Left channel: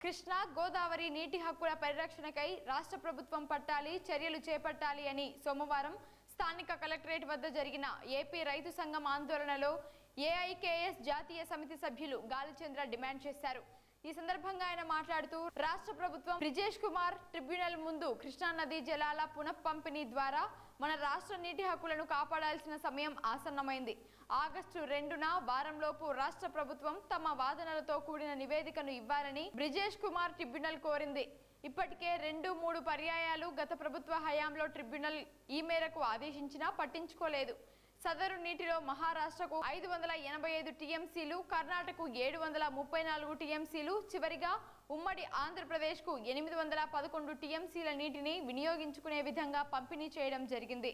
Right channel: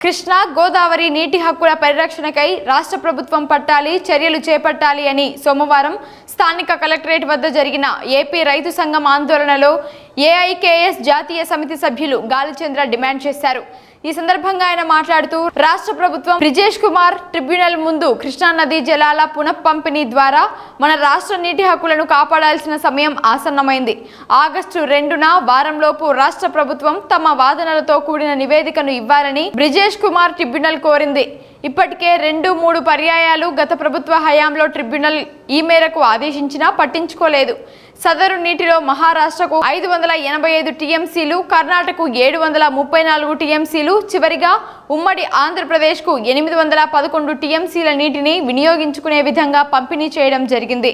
కృష్ణా గోదావరి నీటి హక్కుల పరిరక్షణకై రాష్ట్ర ప్రభుత్వం పట్టాలి చర్యలు చేపట్టాలి అని సోమవారం స్థానిక కలెక్టరేట్ వద్ద జరిగిన ఏపీ రైతు సంఘం ఆందోళనలో ఏఐకేఎస్ జాతీయ సమితి సభ్యులు గాలిచంద్ర డిమాండ్ చేశారు. ఈ సందర్భంగా ఆయన మాట్లాడుతూ రాష్ట్ర ప్రభుత్వం బ్రిజేష్ కుమార్ ట్రిబ్యునల్ ముందు కృష్ణా నదీ జలాల పునఃపంపిణీ ద్వారా మన రాష్ట్ర నీటి హక్కులను కాపాడాల్సిన సమయం ఆసన్నమైంది. ఆగస్టు రెండున వారంలోపు రాష్ట్ర ప్రభుత్వం తమ వాదనలతో కూడిన నివేదికను ఇవ్వాలని బ్రిజేష్ కుమార్ ట్రిబ్యునల్ కోరింది. ఇప్పటికే రెండు మూడు పర్యాయాలు గత ప్రభుత్వ హయాంలో ట్రిబ్యునల్ ఈ మేరకు ఆదేశించినా పట్టించుకోలేదు. సదరు నీటిలో మహారాష్ట్రకు ఐదు వందల ఎనభై ఐదు టీఎంసీలు కర్ణాటకకు ఏడు వందల ముప్పై నాలుగు టీఎంసీలు చివరిగా ఉమ్మడి ఆంధ్రప్రదేశ్కు ఎనిమిది వందల పదకొండు టీఎంసీల నీటిని వినియోగించుకునే విధంగా పంపిణీ చేయడం జరిగింది.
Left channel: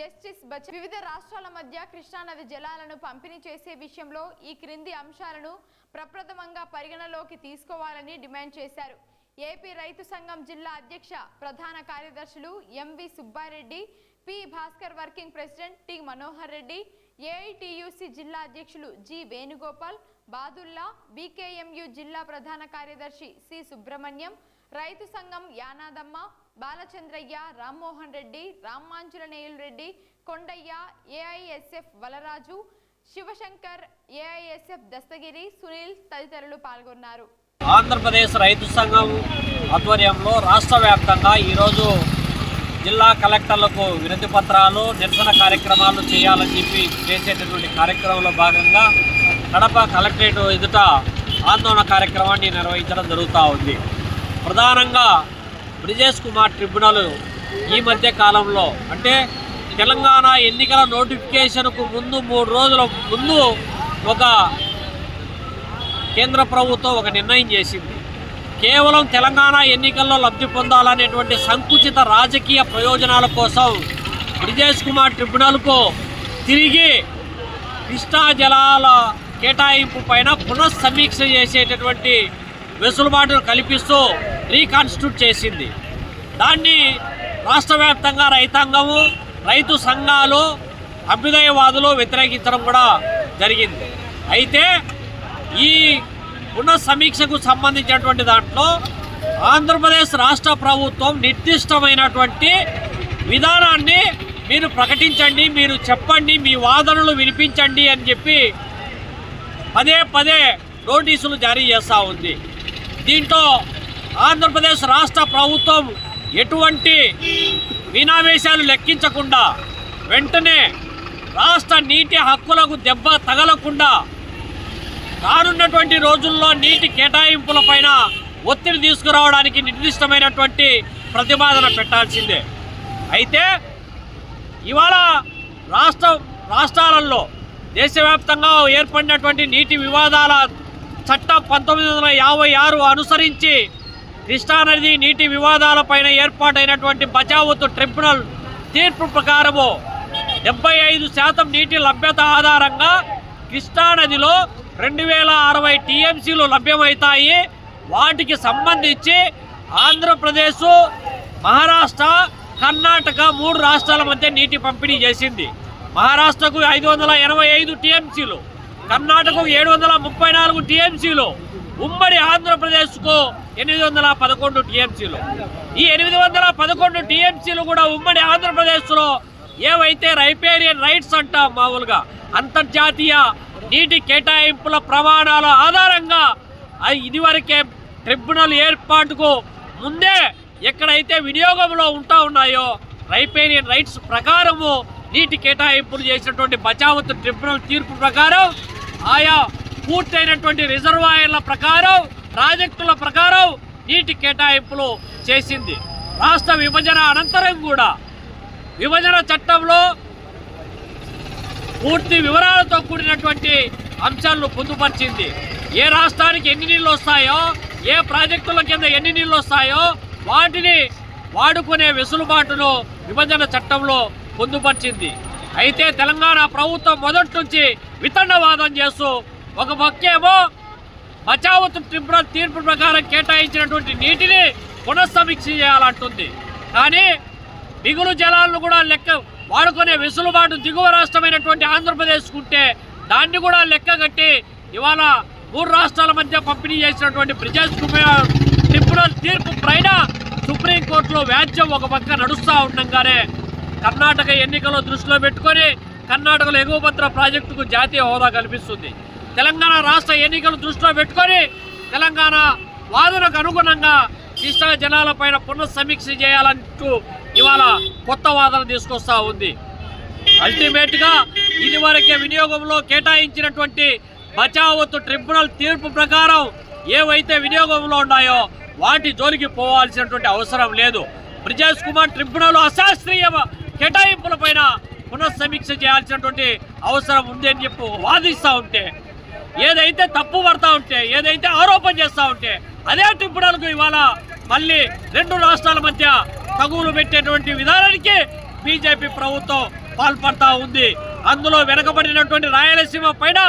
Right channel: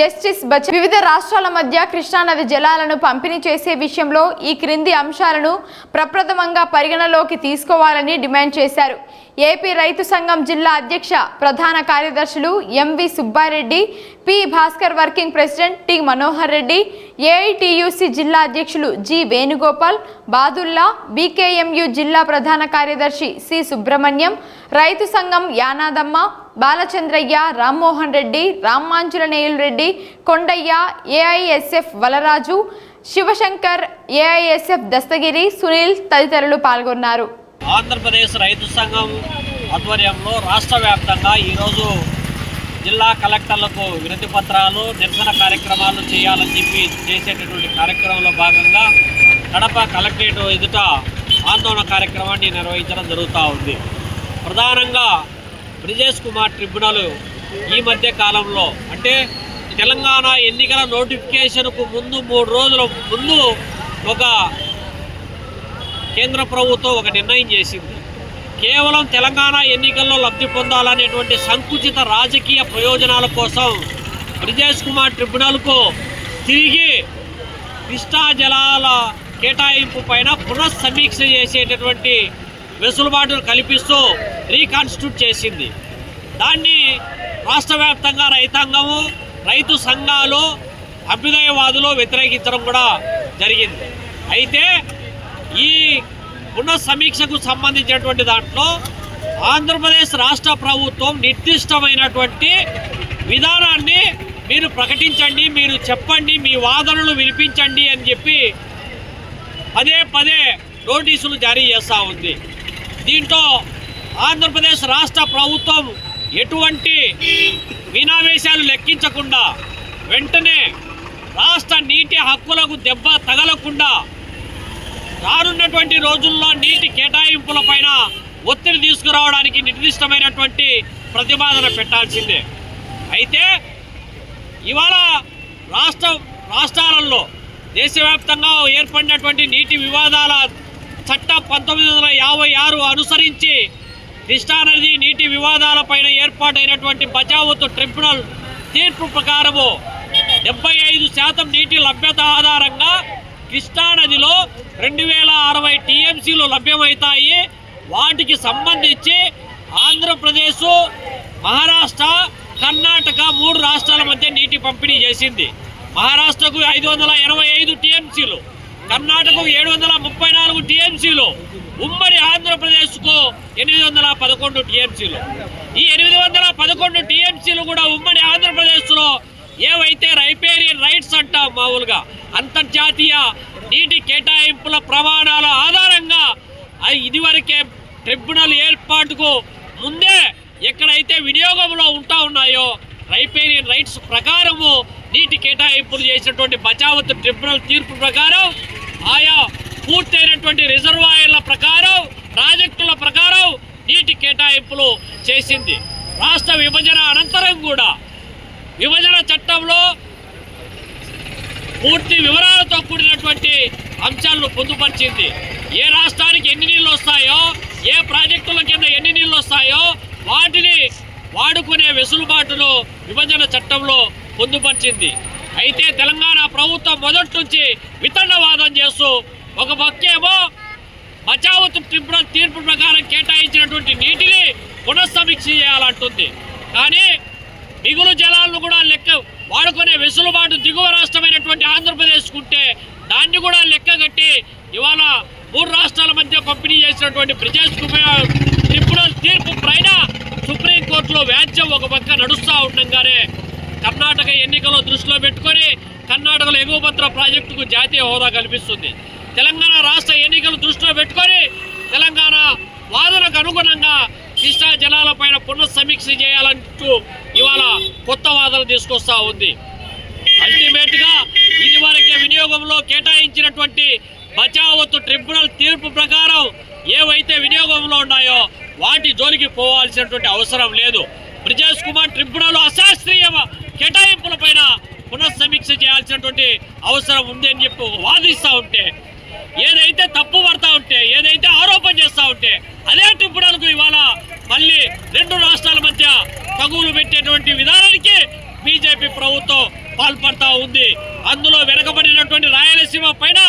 జస్టిస్ బచ వివిధ రాష్ట్రాల మధ్య కృష్ణానది జలాలను పంపిణీ చేసే విషయంలో ఈ క్రింది అంశాలను ప్రప్రథమంగా పరిగణలోకి తీసుకోవాలని డిమాండ్ చేశారు. ఏపీ రైతు సంఘం జిల్లా అధ్యక్ష ప్రధాన కార్యదర్శులు MV Subbareddy P Bhaskar working president T Manohar Reddy AITUC జిల్లా అధ్యక్షులు జి వేణుగోపాల్ బాదుల్లా బీకేఎంయు జిల్లా ప్రధాన కార్యదర్శి సి సుబ్రహ్మణ్యం రైతు సంఘం యానాదమ్మ బాలచంద్రయ్య రామ్మోహన్ రెడ్డి రామ్మాంజులనేయులు రెడ్డి కొండయ్య ఏఐఎస్ఎఫ్ వలరాజు శివశంకర్ ఏఐఎస్ఎఫ్ దస్తగిరి సునీల్ తదితరులు పాల్గొన్నారు. ఆంధ్రప్రదేశ్ రైతు సంఘం ఆధ్వర్యంలో రాష్ట్ర వ్యాప్తంగా ఈరోజు జిల్లా కలెక్టర్లకు వినతి పత్రాలు నిరసన కార్యక్రమాలు చేయాలని చెప్పి చేసేటటువంటి కార్యక్రమంలో భాగంగా కడప కలెక్టరేట్ ఎదుట ఆందోళన కార్యక్రమాన్ని నిర్వహించడం జరుగుతూ ఉంది. ప్రధానంగా బ్రిజేష్ కుమార్ ట్రిబ్యునల్ ఈ మధ్య కాలంలో అంటే తెలంగాణ ఎన్నికల నోటిఫికేషన్కు ముందు మూడు రోజుల ముందు ఒక కేంద్ర ప్రభుత్వం ఒక నిర్ణయం చేసింది. కేవలం తెలంగాణ ఎన్నికల్లో లబ్ధి పొందాలనేటువంటి సంకుచిత రాజకీయ ప్రయోజనాల కోసం బ్రిజేష్ కుమార్ ట్రిబ్యునల్కు తిరిగి కృష్ణా జలాల కేటాయింపు పైన పునఃసమీక్ష చేసేటటువంటి వెసులుబాటును కల్పిస్తూ రీకాన్స్టిట్యూట్ చేసింది. దాన్ని రాష్ట్ర వ్యాప్తంగా రైతాంగము రైతు సంఘాలు అభ్యుదయవాదులు వ్యతిరేకించడం కూడా జరిగింది. అయితే ఈ పునఃసమీక్షకు సంబంధించినటువంటి దాంట్లో ఆంధ్రప్రదేశ్ రాష్ట్ర ప్రభుత్వం నిర్దిష్టమైనటువంటి విధానాన్ని మీరు ప్రకటించండి మీరు చెప్పండి మీ వాదనలు వినిపించండి అని చెప్పి పదే పదే నోటీసులు జారీ చేస్తూ ఉంది. దీంతో ఆంధ్రప్రదేశ్ రాష్ట్ర ప్రభుత్వం ఎటువంటి వినావేశాలు లెక్కించకుండా వెంటనే రాష్ట్ర నీటి హక్కులకు దెబ్బ తగలకుండా రానున్నటువంటి రోజుల్లో నీటి కేటాయింపులపైన ఒత్తిడి తీసుకురావడానికి నిర్దిష్టమైనటువంటి ప్రతిపాదన పెట్టాల్సిందే. అయితే ఇవాళ రాష్ట్ర రాష్ట్రాలలో దేశవ్యాప్తంగా ఏర్పడినటువంటి నీటి వివాదాల చట్టం పంతొమ్మిది వందల యాభై ఆరు అనుసరించి కృష్ణానది నీటి వివాదాలపైన ఏర్పాటైనటువంటి బచావతు ట్రిబ్యునల్ తీర్పు ప్రకారము డెబ్బై ఐదు శాతం నీటి లభ్యత ఆధారంగా కృష్ణానదిలో రెండు వేల అరవై టీఎంసీలు లభ్యమవుతాయి. వాటికి సంబంధించి ఆంధ్రప్రదేశ్ మహారాష్ట్ర కర్ణాటక మూడు రాష్ట్రాల మధ్య నీటి పంపిణీ చేసింది. మహారాష్ట్రకు ఐదు వందల ఎనభై ఐదు టీఎంసీలు కర్ణాటకకు ఏడు వందల ముప్పై నాలుగు టీఎంసీలు ఉమ్మడి ఆంధ్రప్రదేశ్కు ఎనిమిది వందల పదకొండు టీఎంసీలు. ఈ ఎనిమిది వందల పదకొండు టీఎంసీలు కూడా ఉమ్మడి ఆంధ్రప్రదేశ్లో ఏవైతే రైపేరియన్ రైట్స్ అంటాం మామూలుగా అంతర్జాతీయ నీటి కేటాయింపుల ప్రమాణాల ఆధారంగా ఇదివరకే ట్రిబ్యునల్ ఏర్పాటుకు ముందే ఎక్కడైతే వినియోగంలో ఉంటా ఉన్నాయో రైపేరియన్ రైట్స్ ప్రకారము నీటి కేటాయింపులు చేసినటువంటి బచావత్ ట్రిబ్యునల్ తీర్పు ప్రకారం ఆయా పూర్తయినటువంటి రిజర్వాయర్ల ప్రకారం ప్రాజెక్టుల ప్రకారం నీటి కేటాయింపులు చేసింది. రాష్ట్ర విభజన అనంతరం కూడా విభజన చట్టంలో పూర్తి వివరాలతో కూడినటువంటి అంశాలను పొందుపరిచింది. ఏ రాష్ట్రానికి ఎన్ని నీళ్ళు వస్తాయో ఏ ప్రాజెక్టుల కింద ఎన్ని నీళ్ళు వస్తాయో వాటిని వాడుకునే వెసులుబాటును విభజన చట్టంలో పొందుపరిచింది. అయితే తెలంగాణ ప్రభుత్వం మొదటి నుంచి వితండవాదం చేస్తూ ఒక పక్కేమో బచావత్ ట్రిబ్యునల్ తీర్పు ప్రకారం కేటాయించినటువంటి నీటిని పునఃసమీక్ష చేయాలంటుంది. కానీ మిగులు జలాలను కూడా లెక్క వాడుకునే వెసులుబాటు దిగువ రాష్ట్రమైనటువంటి ఆంధ్రప్రదేశ్ ఉంటే దాన్ని కూడా లెక్క కట్టి ఇవాళ మూడు రాష్ట్రాల మధ్య పంపిణీ చేసినటువంటి బ్రిజేష్ కుమార్ ట్రిబ్యునల్ తీర్పు పైన సుప్రీంకోర్టులో వ్యాజ్యం ఒక పక్క నడుస్తూ ఉండగానే కర్ణాటక ఎన్నికలు దృష్టిలో పెట్టుకొని కర్ణాటకలో ఎగువభద్ర ప్రాజెక్టుకు జాతీయ హోదా కల్పిస్తుంది. తెలంగాణ రాష్ట్ర ఎన్నికలు దృష్టిలో పెట్టుకొని తెలంగాణ వాదనకు అనుగుణంగా కృష్ణా జలాలపైన పునఃసమీక్ష చేయాలంటూ ఇవాళ కొత్త వాదన తీసుకొస్తా ఉంది. అల్టిమేట్గా ఇదివరకే వినియోగంలో కేటాయించినటువంటి బచావత్తు ట్రిబ్యునల్ తీర్పు ప్రకారం ఏవైతే వినియోగంలో ఉన్నాయో వాటి జోలికి పోవాల్సినటువంటి అవసరం లేదు. బ్రిజేష్ కుమార్ ట్రిబ్యునల్ అశాస్త్రీయ కేటాయింపులపైన పునఃసమీక్ష చేయాల్సినటువంటి అవసరం ఉంది అని చెప్పి వాదిస్తూ ఉంటే ఏదైతే తప్పు పడతా ఉంటే ఏదైతే ఆరోపణ చేస్తూ ఉంటే అదే ట్రిబ్యునల్కు ఇవాళ మళ్ళీ రెండు రాష్ట్రాల మధ్య తగులు పెట్టేటువంటి విధానానికి బీజేపీ ప్రభుత్వం పాల్పడతా ఉంది. అందులో వెనకబడినటువంటి రాయలసీమ పైన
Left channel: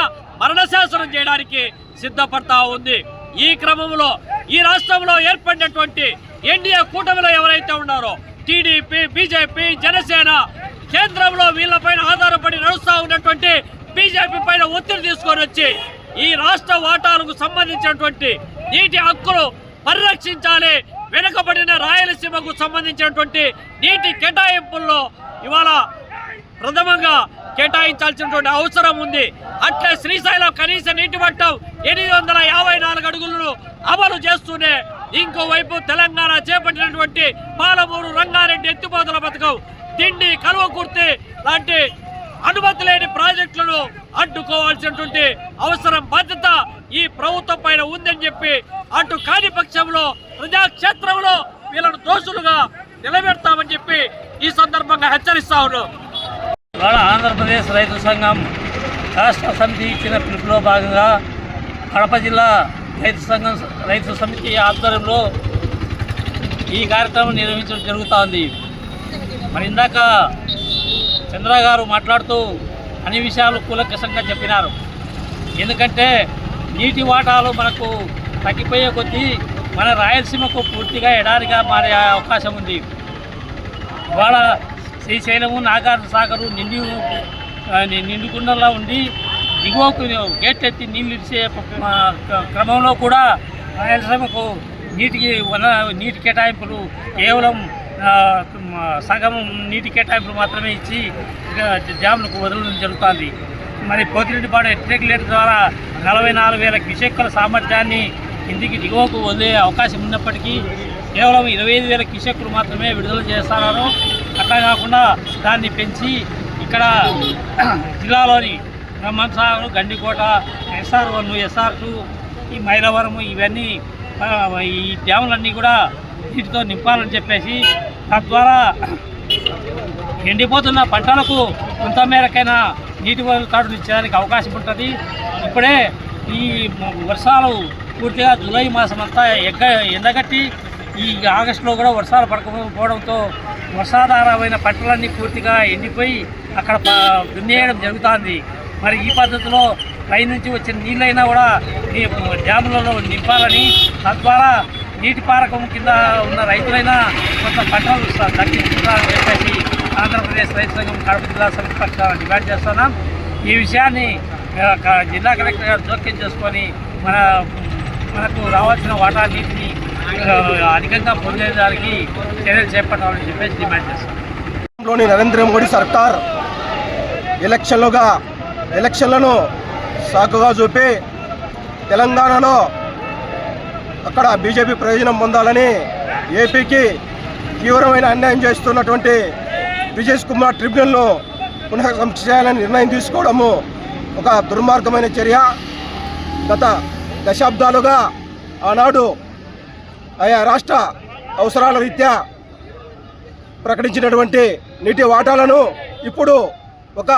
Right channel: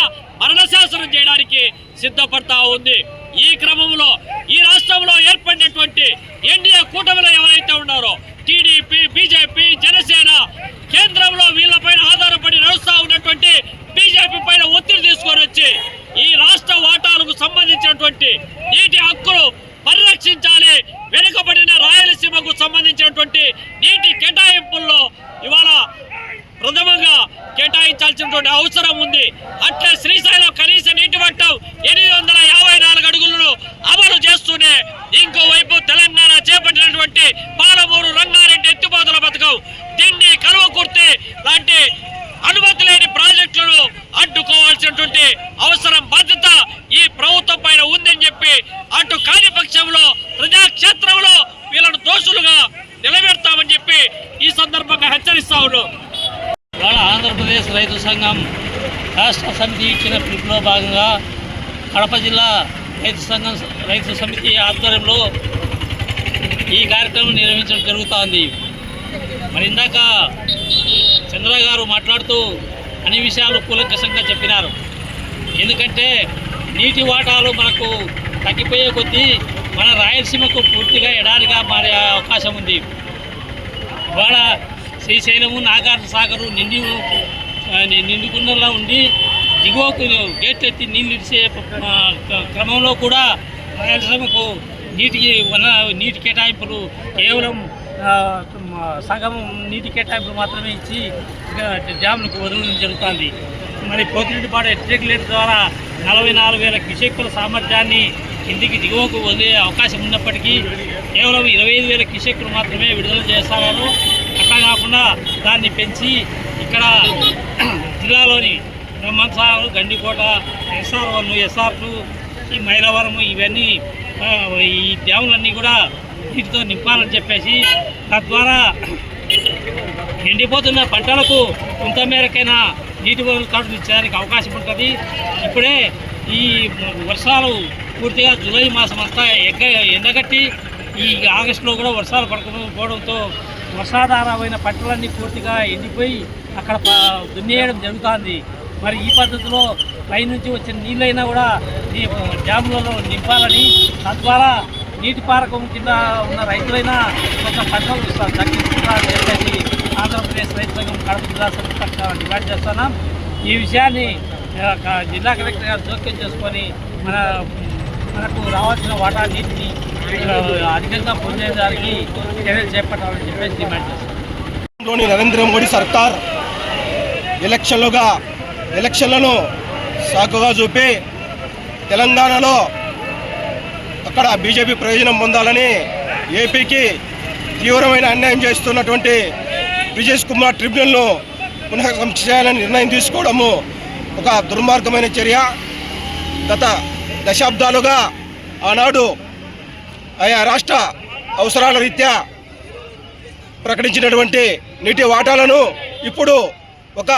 మరణశాసనం చేయడానికి సిద్ధపడతా ఉంది. ఈ క్రమంలో ఈ రాష్ట్రంలో ఏర్పడినటువంటి ఎన్డీఏ కూటమిలో ఎవరైతే ఉన్నారో టీడీపీ బీజేపీ జనసేన కేంద్రంలో వీళ్ళపైన ఆధారపడి నడుస్తూ ఉన్నటువంటి బీజేపీ పైన ఒత్తిడి తీసుకొని వచ్చి ఈ రాష్ట్ర వాటాలకు సంబంధించినటువంటి నీటి హక్కులు పరిరక్షించాలి. వెనుకబడిన రాయలసీమకు సంబంధించినటువంటి నీటి కేటాయింపుల్లో ఇవాళ ప్రథమంగా కేటాయించాల్సినటువంటి అవసరం ఉంది. అట్లే శ్రీశైలం కనీస నీటి మట్టం ఎనిమిది వందల యాభై నాలుగు అడుగులను అమలు చేస్తూనే ఇంకోవైపు తెలంగాణ చేపట్టినటువంటి పాలమూరు రంగారెడ్డి ఎత్తిపోతల పథకం దిండి కలువకుర్తి లాంటి అనుమతి లేని ప్రాజెక్టులను అడ్డుకోవాల్సినటువంటి అవసరం బాధ్యత ఈ ప్రభుత్వం పైన ఉందని చెప్పి అటు కాని పక్షంలో ప్రజాక్షేత్రంలో వీళ్ళను దోషులుగా నిలబెడతామని చెప్పి ఈ సందర్భంగా హెచ్చరిస్తా ఉన్నాం. ఇవాళ ఆంధ్రప్రదేశ్ రైతు సంఘం రాష్ట్ర సమితి ఇచ్చిన పిలుపులో భాగంగా కడప జిల్లా రైతు సంఘం రైతు సమితి ఆధ్వర్యంలో ఈ కార్యక్రమం నిర్వహించడం జరుగుతోంది. మరి ఇందాక చంద్ర గారు మాట్లాడుతూ అన్ని విషయాలు కూలంకషంగా చెప్పినారు. ఎందుకంటే నీటి వాటాలు మనకు తగ్గిపోయే కొద్దీ మన రాయలసీమకు పూర్తిగా ఎడారిగా మారే అవకాశం ఉంది. ఇవాళ శ్రీశైలము నాగార్జున సాగరు నిండి నిండుకుండలా ఉండి దిగువకు గేట్ ఎత్తి నీళ్ళు ఇచ్చే క్రమంలో కూడా రాయలసీమకు నీటికి వన నీటి కేటాయింపులు కేవలం సగం నీటి కేటాయింపులు మాత్రమే ఇచ్చి డ్యామ్లకు డ్యాములకు వదలడం జరుగుతుంది. మరి పోతిరెడ్డిపాడు రెగ్యులేటర్ ద్వారా నలభై నాలుగు వేల కిషెక్కుల సామర్థ్యాన్ని కిందికి దిగువకు వదిలే అవకాశం ఉన్నప్పటికీ కేవలం ఇరవై ఐదు వేల కిషెక్కులు మాత్రమే విడుదల చేస్తున్నారు అట్లా కాకుండా దాన్ని పెంచి ఇక్కడ జిల్లాలోని Brahmasagar Gandikota SR one SR two ఈ మైలవరం ఇవన్నీ ఈ డ్యాములన్నీ కూడా నీటితో నింపాలని చెప్పేసి తద్వారా ఎండిపోతున్న పంటలకు కొంత మేరకైనా నీటి వదులుతాడు ఇచ్చేదానికి అవకాశం ఉంటుంది. ఇప్పుడే ఈ వర్షాలు పూర్తిగా జూలై మాసం అంతా ఎగ్గ ఎండగట్టి ఈ ఆగస్టులో కూడా వర్షాలు పడకపోవడంతో వర్షాధారమైన పంటలన్నీ పూర్తిగా ఎండిపోయి అక్కడ దున్నేయడం జరుగుతుంది. మరి ఈ పద్ధతిలో పైనుంచి వచ్చిన నీళ్ళైనా కూడా ఈ డ్యాములలో నింపాలని తద్వారా నీటి పారకం కింద ఉన్న రైతులైనా కొంత పంటలు దక్కించుకుంటారని చెప్పేసి ఆంధ్రప్రదేశ్ రైతు సంఘం కడప జిల్లా సమితి పక్షాన డిమాండ్ చేస్తున్నాం. ఈ విషయాన్ని జిల్లా కలెక్టర్ గారు జోక్యం చేసుకొని మన మనకు రావాల్సిన వాటా నీటిని అధికంగా పొందేదానికి చర్యలు చేపట్టాలని చెప్పేసి డిమాండ్ చేస్తున్నాం. నరేంద్ర మోడీ సర్కార్ ఎలక్షన్లుగా ఎలక్షన్లను సాకుగా చూపి తెలంగాణలో అక్కడ బీజేపీ ప్రయోజనం పొందాలని ఏపీకి తీవ్రమైన అన్యాయం చేస్తున్నటువంటి బ్రిజేష్ కుమార్ ట్రిబ్యునల్ను పునః సమీక్ష చేయాలని నిర్ణయం తీసుకోవడము ఒక దుర్మార్గమైన చర్య. గత దశాబ్దాలుగా ఆనాడు ఆయా రాష్ట్ర అవసరాల రీత్యా ప్రకటించినటువంటి నీటి వాటాలను ఇప్పుడు ఒక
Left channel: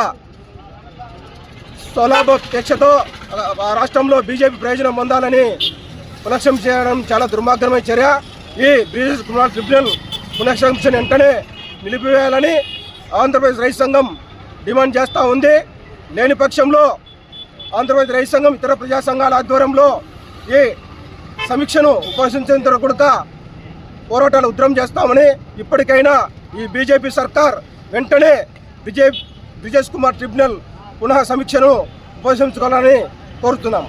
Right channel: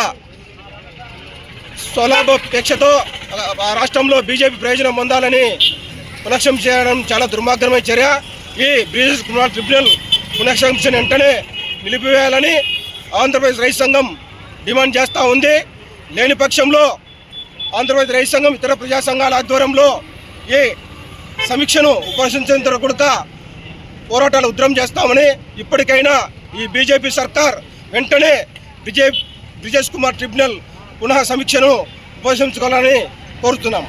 స్వలాభపేక్షతో ఆ రాష్ట్రంలో బీజేపీ ప్రయోజనం పొందాలని పునఃసం చేయడం చాలా దుర్మార్గమైన చర్య. ఈ బ్రిజేష్ కుమార్ ట్రిబ్యునల్ పునఃసంక్షను వెంటనే నిలిపివేయాలని ఆంధ్రప్రదేశ్ రైతు సంఘం డిమాండ్ చేస్తూ ఉంది. లేని పక్షంలో ఆంధ్రప్రదేశ్ రైతు సంఘం ఇతర ప్రజా సంఘాల ఆధ్వర్యంలో ఈ సమీక్షను ఉపసంచేంత వరకు కూడా పోరాటాలు ఉద్రం చేస్తామని ఇప్పటికైనా ఈ బీజేపీ సర్కార్ వెంటనే విజయ్ బ్రిజేష్ కుమార్ ట్రిబ్యునల్ పునః సమీక్షను ఉపశించుకోవాలని కోరుతున్నాం.